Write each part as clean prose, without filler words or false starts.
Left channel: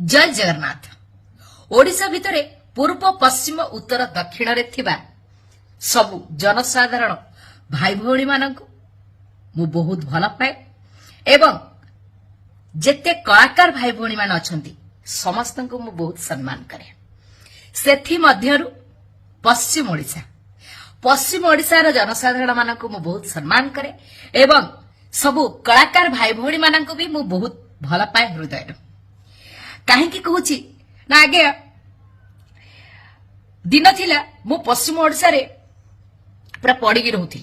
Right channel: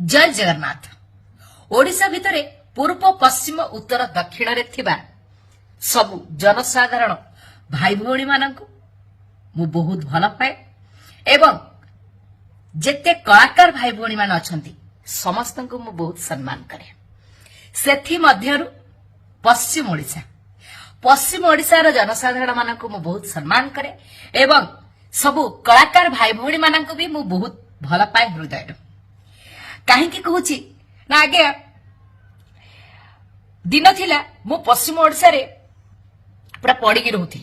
जय जगन्नाथ। ओडिशा भितरे पूर्व पश्चिम उत्तर दक्षिण रे थिबा सबु जनसाधारण भाई भौणी मानक मु बहुत भल पाए एवं जेते कलाकार भाई भौणी मान अछंती समस्त को मु बहुत सम्मान करे। सेथि मध्यरु पश्चिम ओडिशा रो जनसाधारण मान को मु बहुत सम्मान करे एवं सबु कलाकार भाई भौणी मान को भी मु बहुत भल पाए हृदय कहीं कहूची ना आगे दिन थिला मु पश्चिम ओडिशा रे पूरा पड़ी रोथि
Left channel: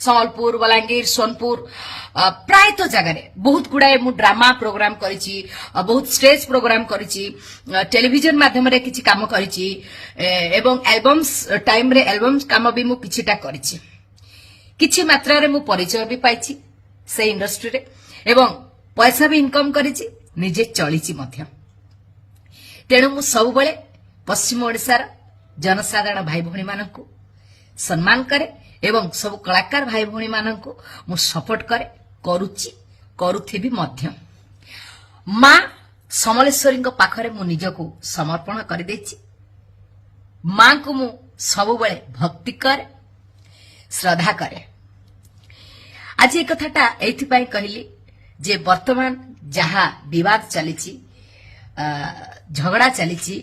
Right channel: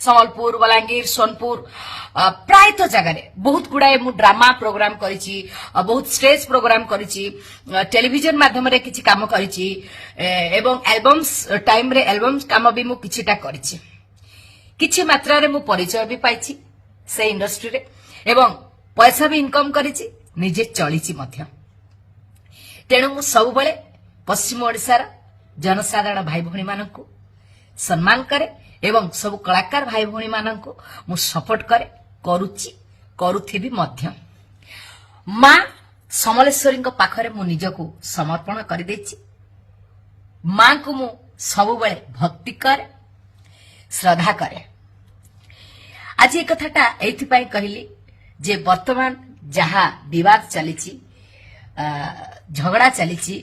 संबलपुर बलांगीर सोनपुर प्रायतः जगह बहुत गुड़ाए मु ड्रामा प्रोग्राम करिछि बहुत स्टेज प्रोग्राम करिछि टेलीविजन माध्यम रे किछि काम करिछि एवं एल्बम्स टाइम रे एल्बम्स काम भी मु किछिटा करिछि किछि मात्रा रे मु परिचय भी पाइछि से इंडस्ट्री रे एवं पैसा भी इनकम करिछि निजे चलिछि मध्य। तेणु मु सब बेले पश्चिम ओडिशा जनसाधारण भाई भौणी मानकु सम्मान करे एवं सब कलाकार भाई भौणी मानकु मु सपोर्ट करे करूची करूथिबी मध्य। मां समलेश्वरी पाखरे मु निजको समर्पण कर देछि। मां को मु सब बेले भक्ति करे श्रद्धा करे। आज एक कथाटा एथि पई कहली जे वर्तमान जहा विवाद चलीछि झगड़ा चलीछि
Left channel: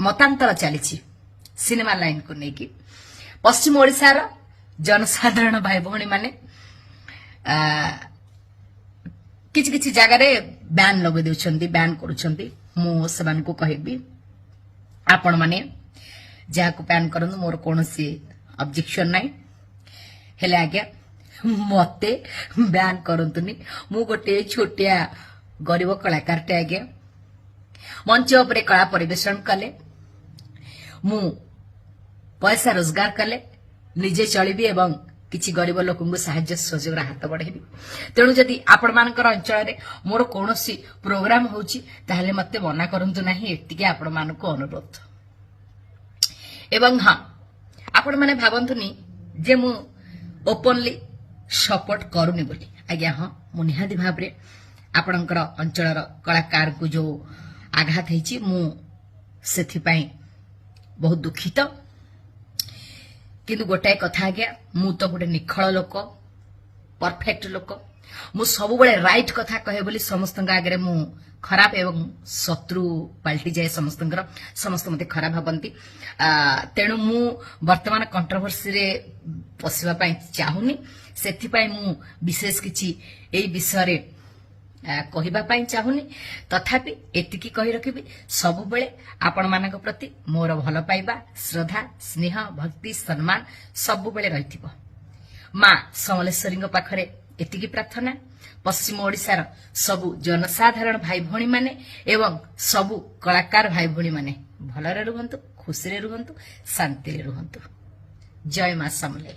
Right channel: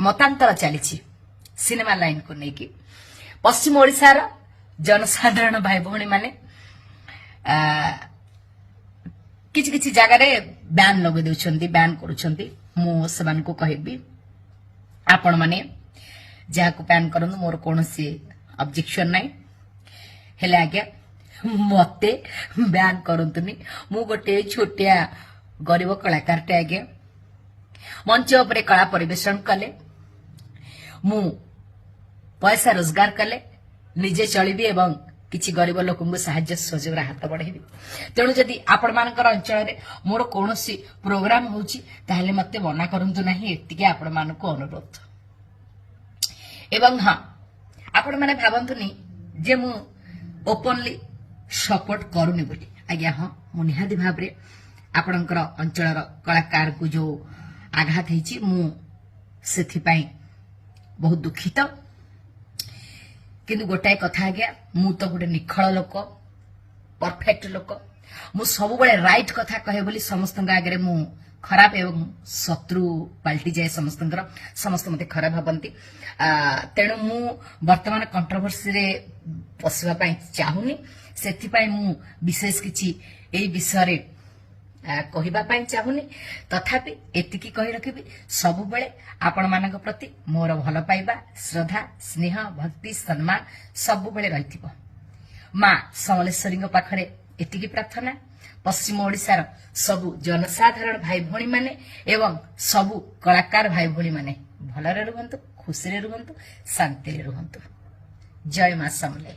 मतांतर चलीछि सिनेमा लाइन को लेकिन पश्चिम ओडिशा रो जनसाधारण भाई भौणी माने किछि किछि जगह रे बैन लगे देउछंती बैन करूछंती मु सेमान को कहबी आपण माने जा को बैन करन मोर कोनोसी ऑब्जेक्शन नाही हेले आज्ञा मते बैन करंतुनी मु गोटे छोटिया गरीब कलाकार टे आज्ञा मंच उपरे कला परिवेशन कले मु पैसा रोजगार कले निजे चलिबी एवं किछि गरीब लोकन को सहायता सहयोग हाथ बढ़ेबी। तेणु जदि आपण मानकर अंचल रे मोर कोनोसी प्रोग्राम होउची ताहले मते मना करंतु नाही एतिके आपण मान को अनुरोध। एवं हां आपण माने भाबंतुनी जे मु ओपनली सपोर्ट करूनी बोली आज्ञा हाँ मु निहाती भाव रे आपणकर अंचल कलाकार को जो आघात होइछि मु सेथि पई बहुत दुखित किंतु गोटाए कथा आज्ञा मु तो गोटे निखळ लोक परफेक्ट लोक मु सब बेले राइट कथा कहे बोली समस्त आगे मु खराब एवं शत्रु पलटि जाए समस्त मते खराब भाबंती। तेणु मु वर्तमान कंट्रोवर्सी रे पसिबा पई चाहुनी सेथि पई मु विशेष किछि एई विषय रे कहिबा पई चाहुनी तथापि एतिकी कहि रखिबी सब बेले आपण मानक प्रति मोर भल पाइबा श्रद्धा स्नेह भक्ति सम्मान सब बेले रहिथिबो। मां समलेश्वरी पाखरे एतिकी प्रार्थना पश्चिम ओडिशार सबु जनसाधारण भाई भौणी माने एवं सबु कलाकार भाई भौणी माने भलरे रुहंतु खुशी रे रुहंतु शांति रे रुहंतु। जय मां समले।